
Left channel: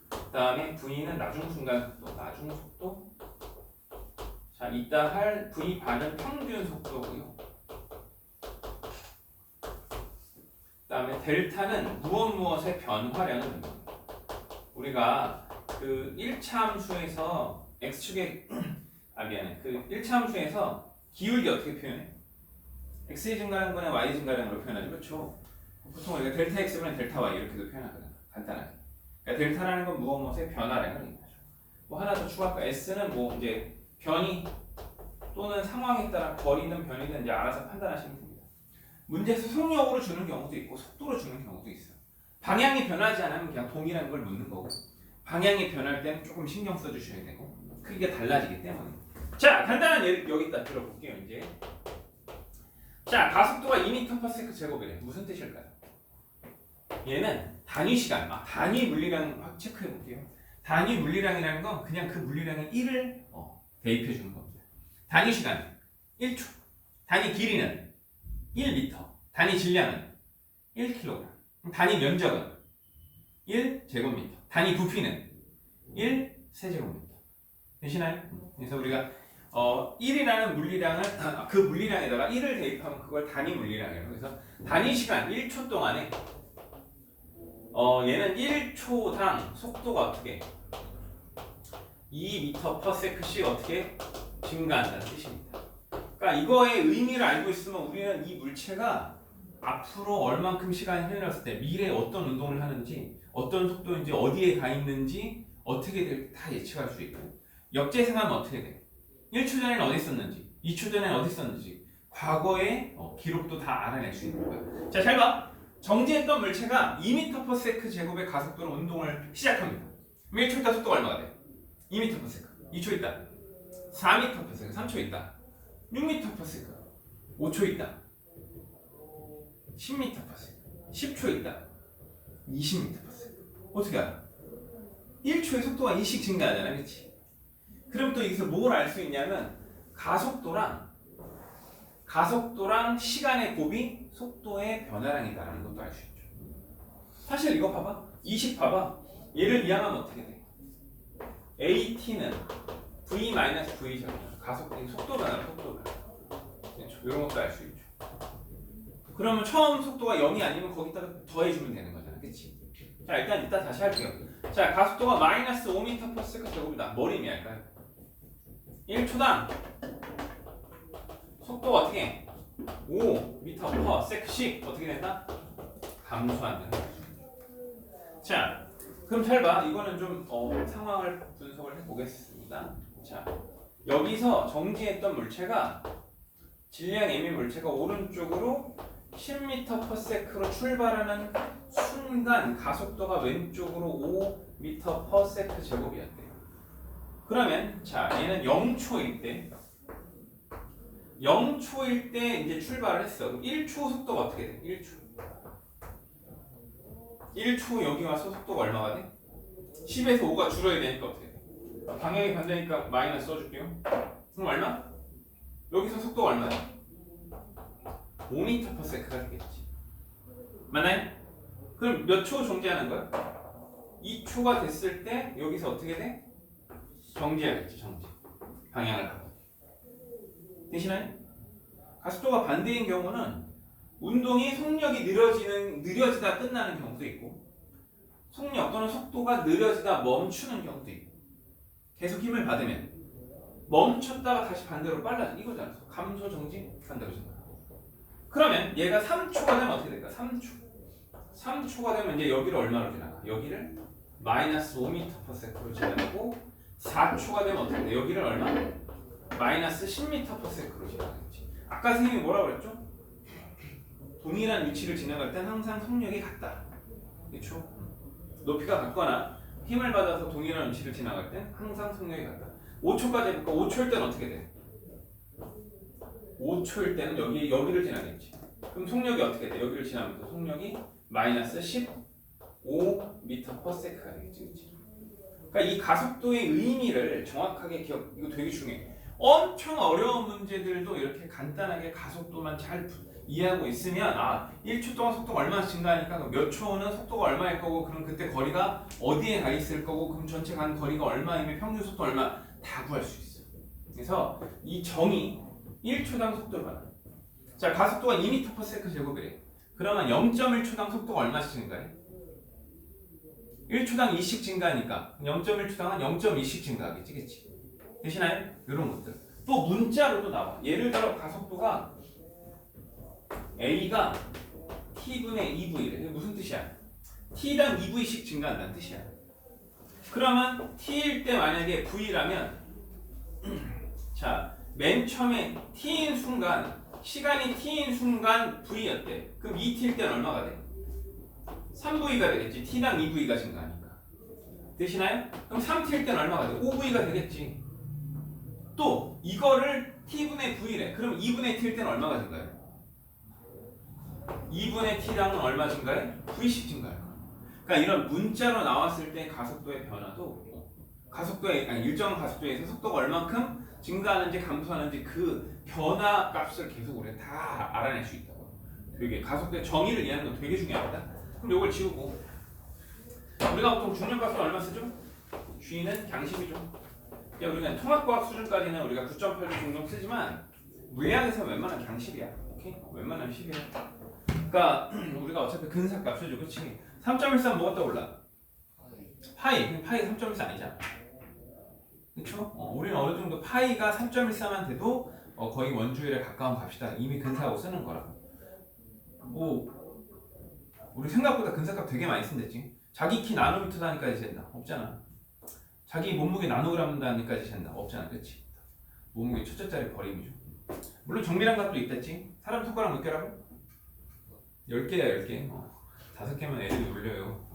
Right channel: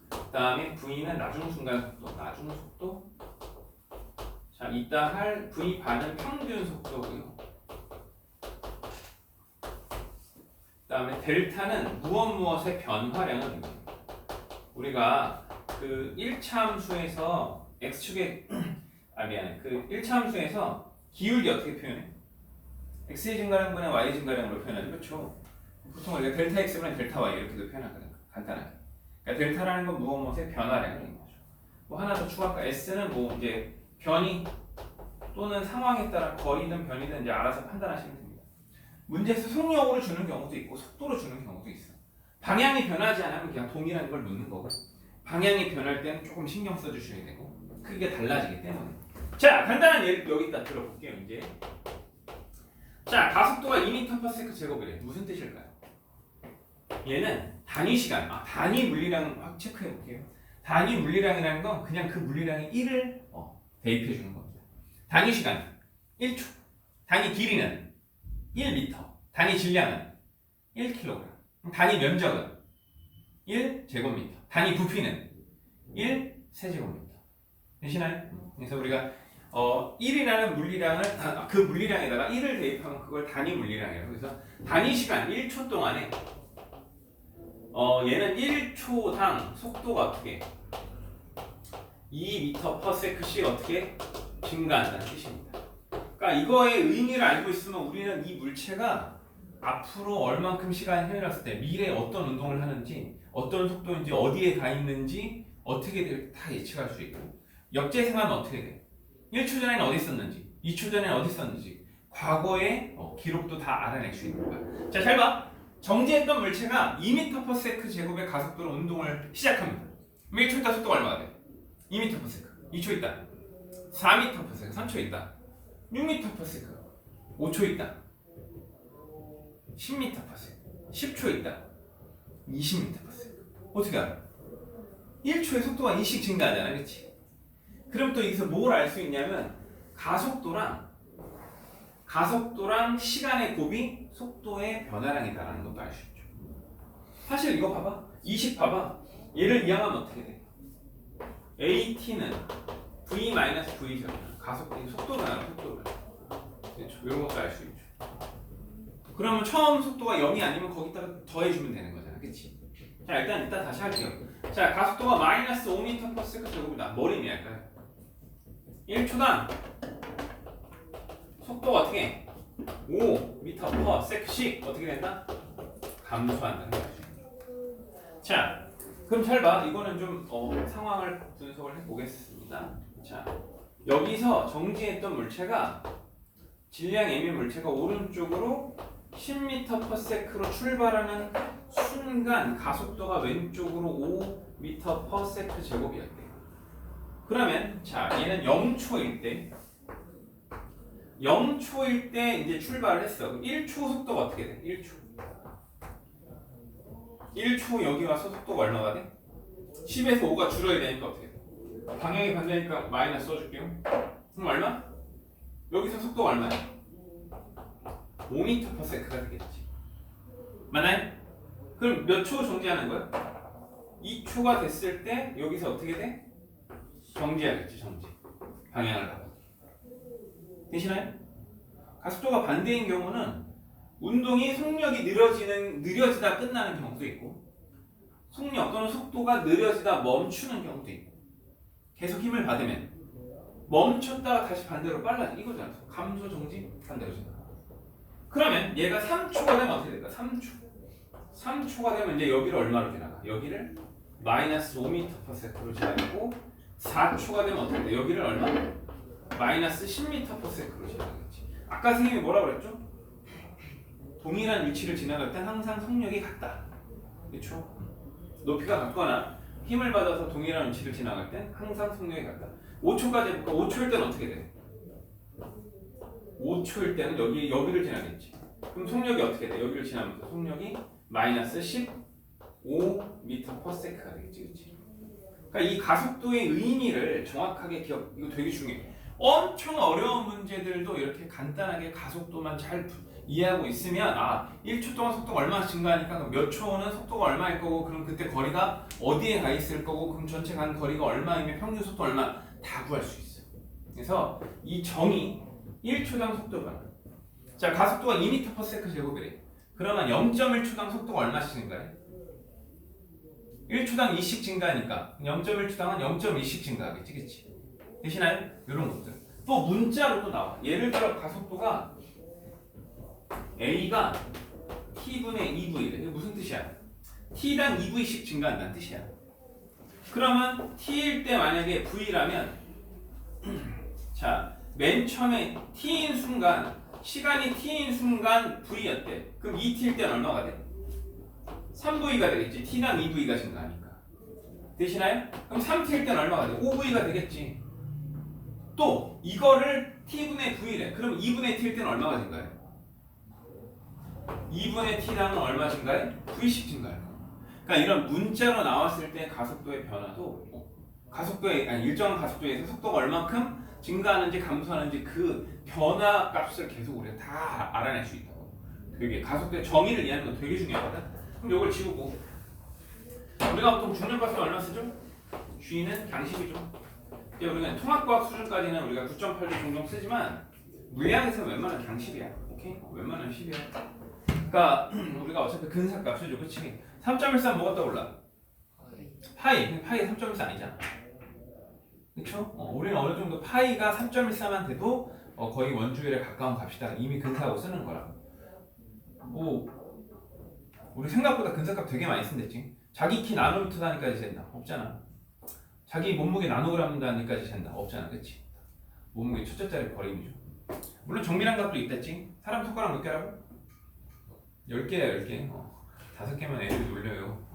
그 다음에 V는 나중 순간 속도, 나중 속도. 자, 이따 할 V 반은 평균 속도고요. 그 다음에 델타는 무엇의 변화량을 의미합니다. 우리가 그 1차 함수에서 x축의 그 1차 함수에서 기울기 어떻게 표현해? x의 증가량분의 y 증가량으로 표현하죠, 그렇죠? 보통 우리가 델타 x분의 델타 y 이렇게도 표현하거든, 간단하게. 그러니까 델타라는 건 무엇의 변화량을 의미하죠. 뭐 하나 더 추가할까? s는 뭐 이제 변이 또는 상황에 따라 거리든 변이든 이제 알아서 판단하시면 됩니다. 문제에서 속력으로 주는 경우도 있고 속도로 주는 경우도 있어. 방향이 변하지 않으면 그냥 동일한 걸 묻는 거고. 방향이 변할 때는 조금 신경 써주셔야 되고 크기가 달라지기 때문에. 자, 간단한 예를 여기다 들어볼게요. 이제 자, 가속도가 2m/s 제곱이래. 무슨 뜻일까요? 얘는 단위 시간, 단위 물리량 확 체크해 볼게요. 단위 물리량이라는 건 그냥 그 물리량의 1을 대입해 주는 겁니다. 단위 시간 1초, 단위 길이는 1m, 단위 질량은 1kg, 단위 면적은 1제곱미터, 단위 부피는 1세제곱미터. 되시나요? 그래서 우리가 1이라는 물리량을 그 물리량에다가 1을 대입하면 그걸 단위 물리량이에요. 그래서 단위 시간 1초 동안에 얘는 1초당 속도가 어떻게 2m/s씩 어떻게 증가한다는 뜻입니다. 그러니까 그러니까 이거의 의미를 알고 있으면 우리는 이 물체가 앞으로 얼만큼 시간이 흘렀을 때 미래에 어떤 운동을 하는지 어떤 속도인지 어디에 가 있는지 어떻게 될지 다 예측할 수 있고 역재생하면 어떻게 돼? 1초 전에는 어디 있었는지 2초 전에는 어디 있었는지 과거의 기록도 다 알아낼 수 있는 거야. 자, 잘 봐. 정지했던 물체가 2m/s 제곱의 가속도로 운동을 시작합니다. 그럼 1초 있다 속도가 얼마가 돼? 2m/s. 2초 있다 4m/s. 3초 있다 6m/s. 5초 있다 10m/s. 10초 있다 20m/s. 어떻게 알아? 1초의 속도가 2씩 증가하잖아, 그렇지? 그럼 또 여기서 뭘 알 수 있냐면 가속도랑 시간의 곱이 속도의 변화량이 있다는 것도 알 수 있죠. 사실 이거 봐봐. 20 봐봐. 얘를 이항하면 어떻게 돼? AT는 V-V 제곱. 가속도의 속도 변화, 속도 변화. 이런 것도 알 수 있죠. 그러면 처음 속도가 0이 아니면 거기다가 더해주면 되는 거잖아, 그치? 자, 일단 이따 다시 할게요. 자, 가속도가 마이너스 5m/s 제곱이다. 뭘 의미할까요? 1초당 속도가 어떻게 해? 5m/s씩 어떻게 된다? 감소한다. 자, 그럼 잘 봐. 이거는 좀 상황을 분석을 해보겠습니다. 자, 여기서 정지했던 물체가 질량 m의 물체가 오른쪽으로 10m/s로 출발하는 순간 가속도가 왼쪽으로 5m/s 제곱이었대요. 그러면 자, 얘는 0초일 때 0초일 때 이제 출발을 했어. 1초 속도가 어떻게 돼? 1초 여기 와서 속도가 얼마가 돼? 10에서 5가 줄어야 되니까 어떻게 돼? 방향이 반대니까 마이너스 써줄게요. 그럼 얼마? 여기서 속도가 얼마야? 5m/s가 되겠지. 맞나요? 그럼 몇 초 정지하는 거야? 2초가 됐을 때 여기서 어떻게 돼? 정지하겠지, 정지. 방향을 바꿔. 되시나요? 가속도가 반대인 경우는 운동이 속력이 느려지다 끝나는 경우도 있고 속력 또는 속도가 느려지다 멈추는 경우도 있고 계속 힘을 받으면 멈췄다가 다시 반대로 빨라져. 이거잖아. 감소, 정지, 반대로 잖아. 그러면 얘가 3초가 되면 어떻게 될까? 3초가 되면 이제 여기를 얼마로 지나가? 여기를 마이너스 5m/s로 지나가고 4초가 되면 어떻게 돼? 여기를 얼마? 마이너스 10m/s로 지나가겠지. 아까 선생님이 뭐라 그랬죠? 동일한 위치를 지나갈 땐 항상 속력이 같다. 그렇죠? 높이가 같거나 힘을 받아서 동일한 위치를 지나갈 땐 항상 속력이 같다. 5초까지 해볼까? 5초일 때는 어떻게 돼? 5초일 때는 여기를 지나겠지. 그럼 속력이 어떻게 돼? 여기를 지나면서 속력이 마이너스 15m/s가 되겠지, 그렇지? 그러니까 이 가속도의 의미를 정확하게 이거 되게 중요해. 엄청 어려운 문제들도 이렇게 간단하게 가속도만 잘 이해하고 있으면 1초 동안 속도가 얼마나 증가하니까 몇 초는 속도가 얼마일 거고 그럼 그때 거리가 어디에 가 있을 거고 그럼 전체 간 거리가 얼마이면 평균 속도 얼마 다 구할 수 있어. 그래서 이 정의 1초당 속도 변화. 자, 가속도가 2m/s 제곱이래. 그러면 0.1초당 속도가 얼마씩 증가해? 1초당 2씩 증가하니까 0.1초당은 0.2씩 증가하겠지, 그치? 되시나요? 이런 것들. 또 문자로 또 나와. 예를 들어 가속도가 A가 T분의 2V래. 이게 무슨 뜻이야? T당 2V씩 증가한다는 뜻이야. 그러면 T일 때 만약에 V라면 자, 맨 처음에 T인 순간 시간이 T인 순간 V였대. 그럼 2T일 때는 얼마가 돼? 3V가 되겠지. T당 2V가 증가하니까. 되시나요? 그럼 3T일 때는 얼마가 돼? 5V가 되겠지. 또 이거를 T분의 V래. 그럼 2분의 T일 때는 얼마가 증가해? 2분의 T당은 얼마 증가해? V씩 증가해. 그러니까 이런 문자로 나왔을 때 가속도의 변화도 일정한 가속도에서 속도가 얼만큼 증가하는지 감소하는지 그 변화 값을 계속 우리가 다 알아낼 수 있다고. 되게 가속도의 정의를 이해하는 건 되게 중요합니다. 그럼 이걸 지우고 우리가 보통 중량값을 얼마 쓰죠? G는 양식이죠. 우리가 통합과학 수준까지는 우리가 9.8도 종종 쓰지만 물리학에서 웬만하면 강식이야. 오케이? 웬만하면 10이야. 그러니까 우리가 어차피 근사값 쓰죠, 그렇지? 3.14는 뭐가 떠올라? 파이 3.14 아니잖아. 그렇죠? 우리는 어느 정도 파이가 3.14만 돼도 거의 원주율에 가까운 값이다. 이미 근사하고 쓰는 거라고. 뭐 우리 생각보다 근사값 되게 많이 쓴댔지. 자기 키 나노미터 단위까지 잰다. 없잖아. 자기 몸무게 나노그램 단위까지 잰다. 없잖아. 그치? 몸무게 첫째 자리 버림이죠. 물론 정밀한 값도 있댔지. 사람 손가락 몇 개라고? 10개야 10개. 5개면 애들이 놀려요.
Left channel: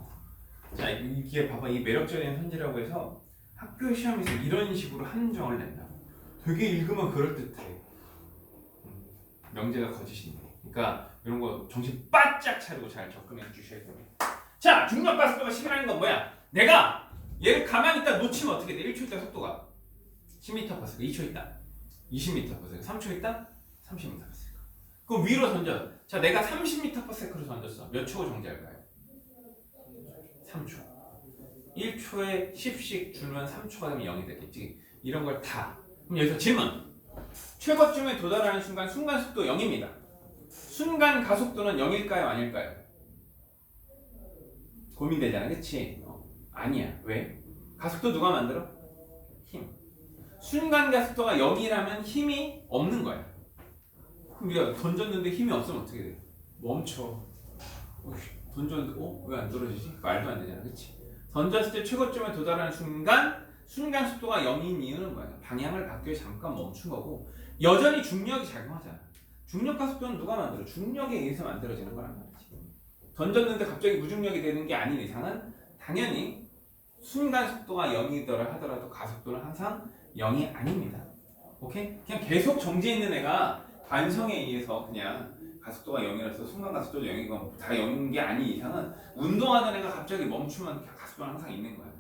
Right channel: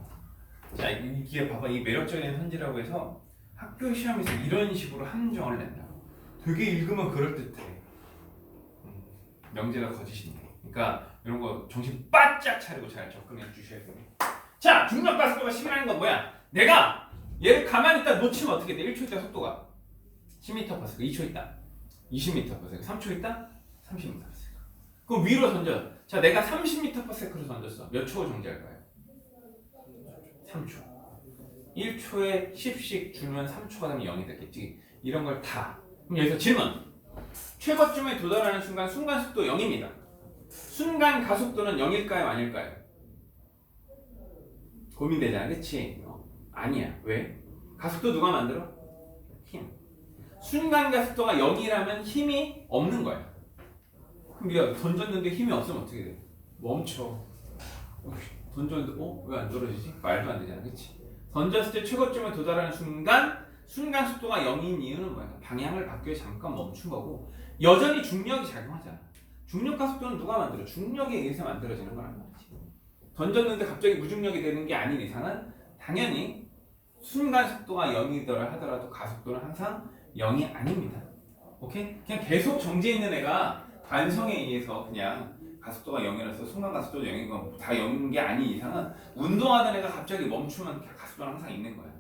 자, 이게 봐봐. 이 매력적인 현지라고 해서 학교 시험에서 이런 식으로 함정을 낸다고. 되게 읽으면 그럴듯해. 명제가 거짓인데. 그러니까 이런 거 정신 바짝 차리고 잘 접근해 주셔야 됩니다. 자, 중력 가속도가 10이라는 건 뭐야? 내가 얘를 가만히 있다 놓치면 어떻게 돼? 1초 있다 속도가 10m/s, 2초 있다 20m/s, 3초 있다 30m/s. 그럼 위로 던져. 자, 내가 30m/s로 던졌어. 몇 초 정지할까요? 3초. 1초에 10씩 줄면 3초가 되면 0이 되겠지. 이런 걸 다. 그럼 여기서 질문. 최고점에 도달하는 순간 순간속도 0입니다. 순간 가속도는 0일까요? 아닐까요? 고민되잖아. 그치? 아니야. 왜? 가속도 누가 만들어? 힘. 순간 가속도가 0이라면 힘이 없는 거야. 그럼 우리가 던졌는데 힘이 없으면 어떻게 돼? 멈춰. 던졌는데 왜 안 떨어지지? 말도 안 되잖아. 그치? 던졌을 때 최고점에 도달하는 순간 순간 속도가 0인 이유는 뭐야? 방향을 바뀌어 잠깐 멈춘 거고 여전히 중력이 작용하잖아. 중력 가속도는 누가 만들어? 중력에 의해서 만들어지는 거란 말이지. 던졌는데 갑자기 무중력이 되는 게 아닌 이상은 당연히 순간 속도가 0이더라 하더라도 가속도는 항상 0이 아닙니다. 오케이? 그냥 계속 정지해 있는 애가 관성에 의해서 그냥 가속도가 0이라서 순간 가속도도 0이고 다 0인 게 아닌 이상은 운동하던 애가 갑자기 멈추면 가속도는 항상 있는 거예요.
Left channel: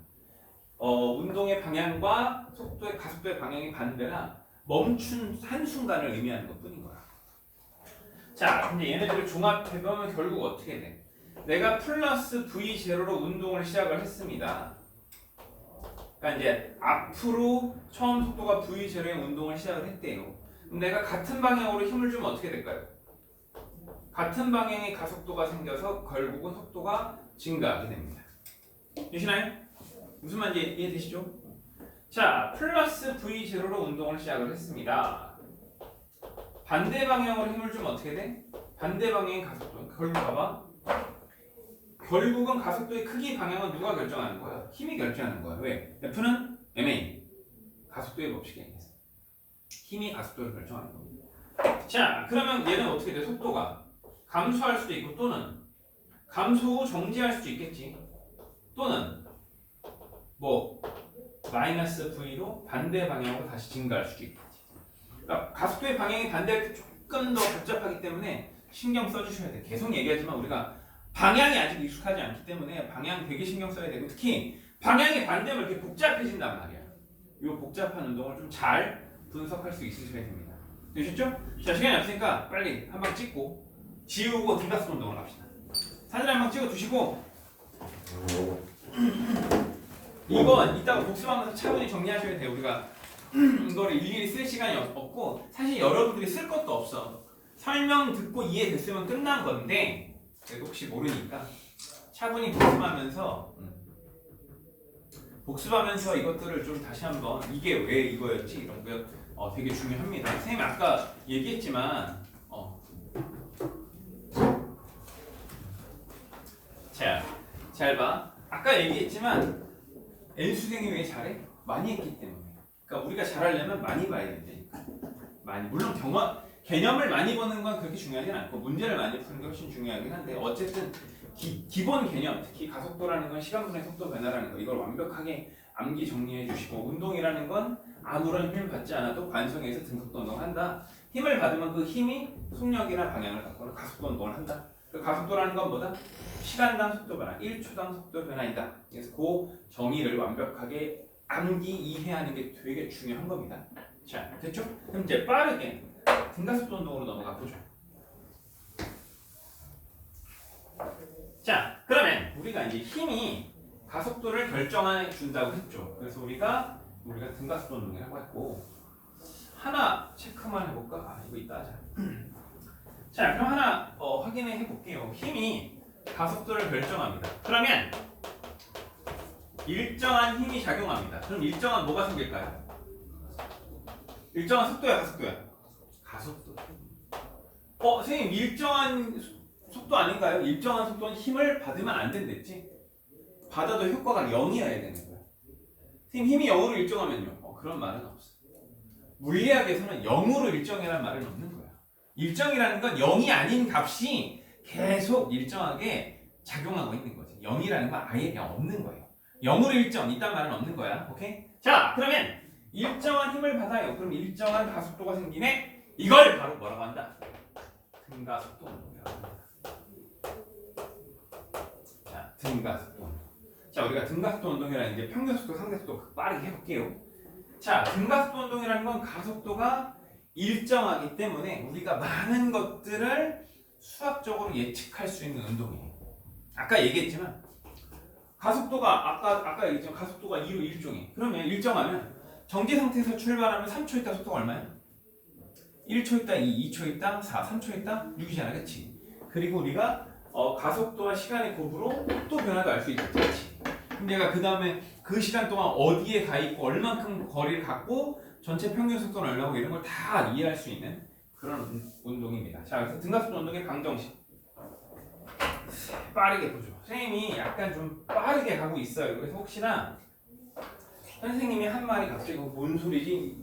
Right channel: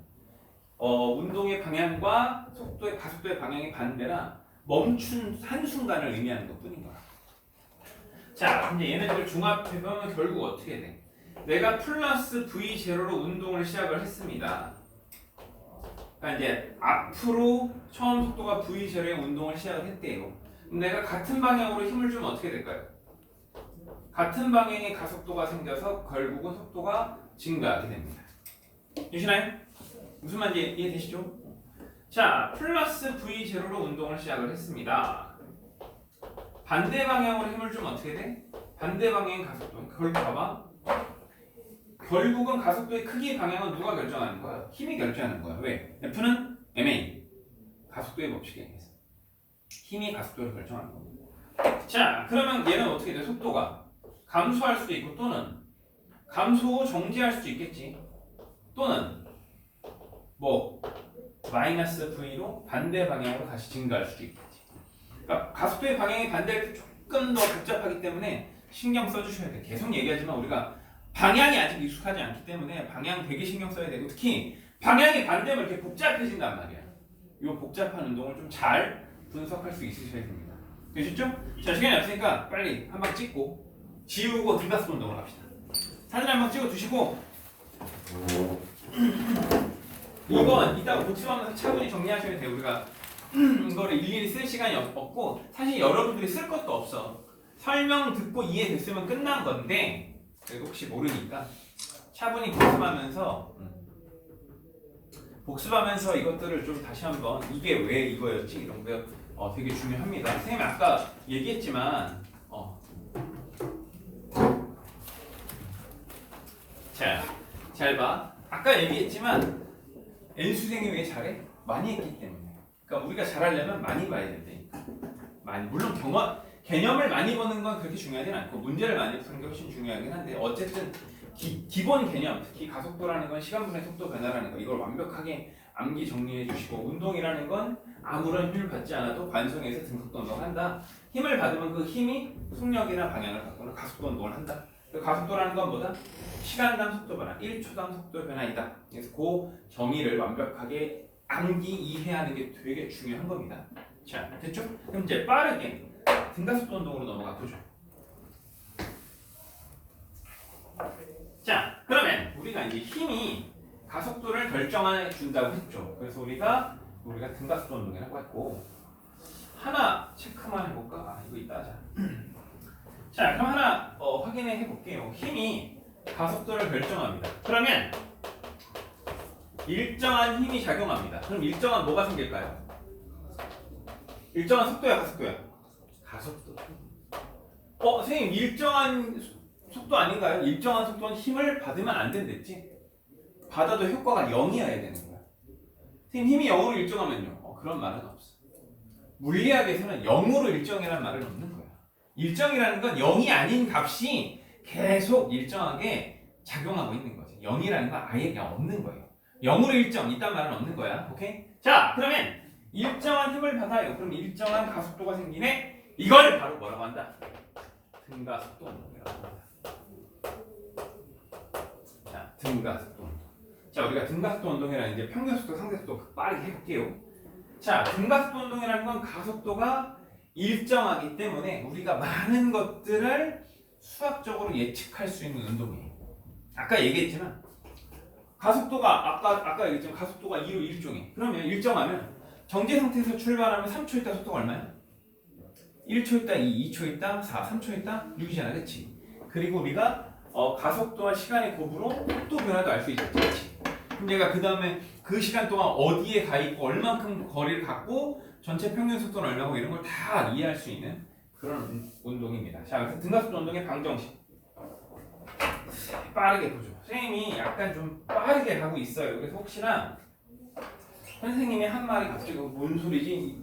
운동의 방향과 속도의 가속도의 방향이 반대라 멈춘 한순간을 의미하는 것뿐인 거야. 자, 근데 얘네들을 종합해보면 결국 어떻게 돼? 내가 플러스 V0로 운동을 시작을 했습니다. 그러니까 이제 앞으로 처음 속도가 V0의 운동을 시작을 했대요. 그럼 내가 같은 방향으로 힘을 주면 어떻게 될까요? 같은 방향의 가속도가 생겨서 결국은 속도가 증가하게 됩니다. 되시나요? 무슨 말인지 이해되시죠? 자, 플러스 V0로 운동을 시작을 했습니다. 반대 방향으로 힘을 주면 어떻게 돼? 반대 방향의 가속도. 결국 봐봐. 결국은 가속도의 크기 방향은 누가 결정하는 거야? 힘이 결정하는 거야. 왜? F는 ma. 가속도의 법칙에 의해서. 힘이 가속도를 결정하는 겁니다. 자, 그러면 얘는 어떻게 돼? 속도가 감소할 수도 있고 또는 감소 후 정지할 수도 있겠지. 또는 뭐 마이너스 V로 반대 방향으로 다시 증가할 수도 있겠지. 그러니까 가속도의 방향이 반대로 조금 더 복잡하기 때문에 신경 써주셔야 돼. 계속 얘기하지만 우리가 방향이 아직 익숙하지 않기 때문에 방향 되게 신경 써야 되고 특히 방향이 반대면 이렇게 복잡해진단 말이야. 이 복잡한 운동을 좀 잘 분석할 수 있으셔야 됩니다. 되셨죠? 자, 시간이 없으니까 빨리 한 방 찍고 지우고 등가스 운동을 합시다. 사진 한 방 찍어 두시고 이건 이따가 복습하면서 차분히 정리하셔야 돼요. 우리가 이거를 일일이 쓸 시간이 없고 사실 여러분들이 쓸 것도 없어. 설명 듣고 이해됐으면 끝난 건데 그래도 혹시 모르니까 차분히 복습하면서 이것들을 좀 다시 한번 이게 왜 이거였지 이런 거 되게 중요합니다. 선생님이 아까 얘기했지만 자, 잘 봐. 아까 얘기했지만 N수생이 왜 잘해? 많이 했기 때문에. 그러니까 우리가 잘하려면 많이 봐야 된다니까. 많이. 물론 개념을 많이 보는 건 그렇게 중요하진 않고 문제를 많이 푸는 게 훨씬 중요하긴 한데 어쨌든 기본 개념, 특히 가속도라는 건 시간분의 속도 변화라는 거 이걸 완벽하게 암기 정리해 주시고 운동이라는 건 아무런 힘을 받지 않아도 관성에서 등속도 운동을 한다. 힘을 받으면 그 힘이 속력이나 방향을 바꾸는 가속도 운동을 한다. 그 가속도라는 건 뭐다? 시간당 속도 변화, 1초당 속도 변화이다. 그래서 그 정의를 완벽하게 암기 이해하는 게 되게 중요한 겁니다. 자, 됐죠? 그럼 이제 빠르게 등가속도 운동으로 넘어가 보죠. 자, 그러면 우리가 이제 힘이 가속도를 결정해 준다고 했죠. 그래서 우리가 등가속도 운동이라고 했고 하나 체크만 해볼까? 이거 이따 하자. 자, 그럼 하나 확인해 해볼게요. 힘이 가속도를 결정합니다. 그러면 일정한 힘이 작용합니다. 그럼 일정한 뭐가 생길까요? 일정한 속도야, 가속도야? 가속도. 선생님 일정한 속도 아닌가요? 일정한 속도는 힘을 받으면 안 된댔지? 받아도 효과가 0이어야 되는 거야. 선생님 힘이 0으로 일정하면요. 그런 말은 없어. 물리학에서는 0으로 일정이라는 말은 없는 거야. 일정이라는 건 0이 아닌 값이 계속 일정하게 작용하고 있는 거지. 0이라는 건 아예 그냥 없는 거예요. 0으로 일정, 이딴 말은 없는 거야. 오케이? 자, 그러면 일정한 힘을 받아요. 그럼 일정한 가속도가 생기네? 이걸 바로 뭐라고 한다? 등가속도 운동이라고 합니다. 자, 등가속도 운동. 자, 우리가 등가속도 운동이라는 게 평균속도, 상대속도 빠르게 해볼게요. 자, 등가속도 운동이라는 건 가속도가 일정하기 때문에 우리가 많은 것들을 수학적으로 예측할 수 있는 운동이에요. 아까 얘기했지만 가속도가 아까 얘기했지만 가속도가 2로 일정해. 그러면 일정하면 정지 상태에서 출발하면 3초 있다 속도가 얼마야? 1초 있다 2, 2초 있다 4, 3초 있다 6이잖아, 그렇지? 그리고 우리가 가속도와 시간의 곱으로 속도 변화도 알 수 있지, 그렇지? 그럼 내가 그 다음에 그 시간 동안 어디에 가 있고 얼만큼 거리를 갔고 전체 평균 속도는 얼마고 이런 걸 다 이해할 수 있는 그런 운동입니다. 자, 그래서 등가속도 운동의 방정식 빠르게 보죠. 선생님이 약간 좀 빠르게 가고 있어요. 그래서 혹시나 선생님이 한 말이 갑자기 뭔 소리지?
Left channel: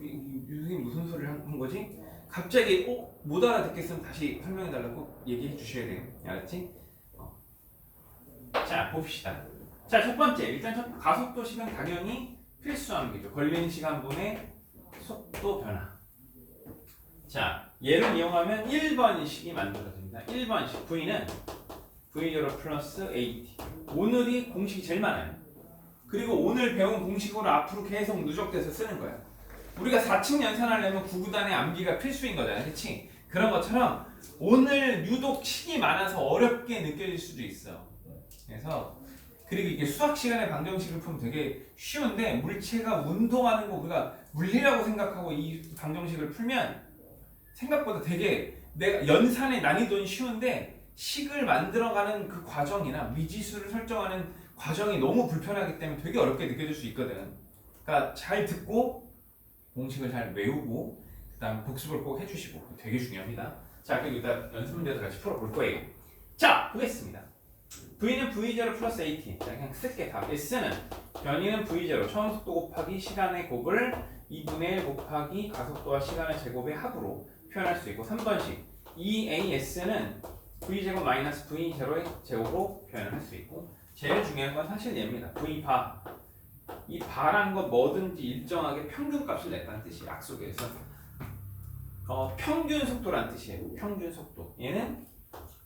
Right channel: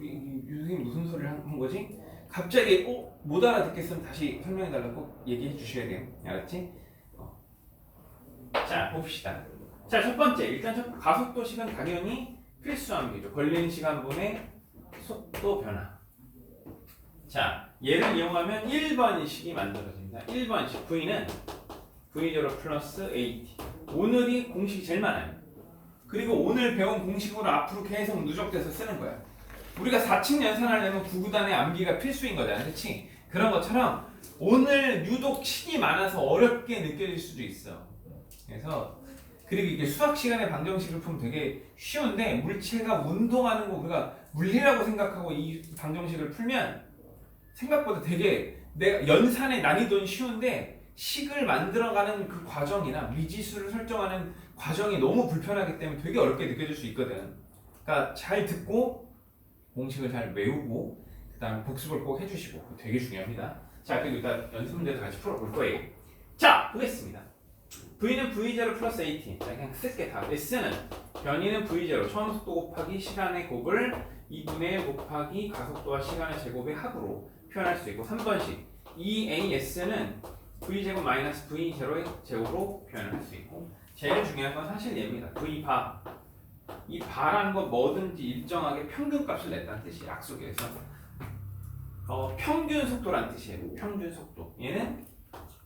선생님 무슨 소리를 한 거지? 갑자기 못 알아듣겠으면 다시 설명해달라고 얘기해 주셔야 돼요. 알았지? 자, 봅시다. 자, 첫 번째 일단 가속도 시간 당연히 필수한 게죠. 걸리는 시간분의 속도 변화. 자, 얘를 이용하면 1번식이 만들어집니다. 1번식 V는 V0 플러스 AT. 오늘이 공식이 제일 많아요. 그리고 오늘 배운 공식으로 앞으로 계속 누적돼서 쓰는 거야. 우리가 4층 연산하려면 구구단의 암기가 필수인 거잖아, 그렇지? 그런 것처럼 오늘 유독 식이 많아서 어렵게 느껴질 수도 있어. 그래서 그리고 이게 수학 시간에 방정식을 풀면 되게 쉬운데 물체가 운동하는 거 우리가 물리라고 생각하고 이 방정식을 풀면 생각보다 되게 내가 연산의 난이도는 쉬운데 식을 만들어가는 그 과정이나 미지수를 설정하는 과정이 너무 불편하기 때문에 되게 어렵게 느껴질 수 있거든. 그러니까 잘 듣고 공식을 잘 외우고 그다음 복습을 꼭 해주시고 되게 중요합니다. 자, 그리고 일단 연습 문제도 같이 풀어볼 거예요. 자, 보겠습니다. V는 V0 플러스 AT. 자, 그냥 쓸게 다. S는 변이는 V0 처음 속도 곱하기 시간의 곱을 2분의 1 곱하기 가속도와 시간의 제곱의 합으로 표현할 수 있고 3번식 EAS는 V제곱 마이너스 V0의 제곱으로 표현을 할 수 있고 제일 중요한 건 사실 얘입니다. V바. 이 바라는 건 뭐든지 일정하게 평균값을 냈다는 뜻이에요. 약속에서 평균 속도라는 뜻이에요. 평균 속도. 얘는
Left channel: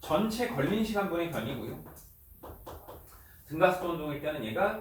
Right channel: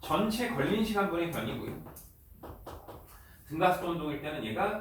전체 걸린 시간분의 변이고요. 등가속도 운동일 때는 얘가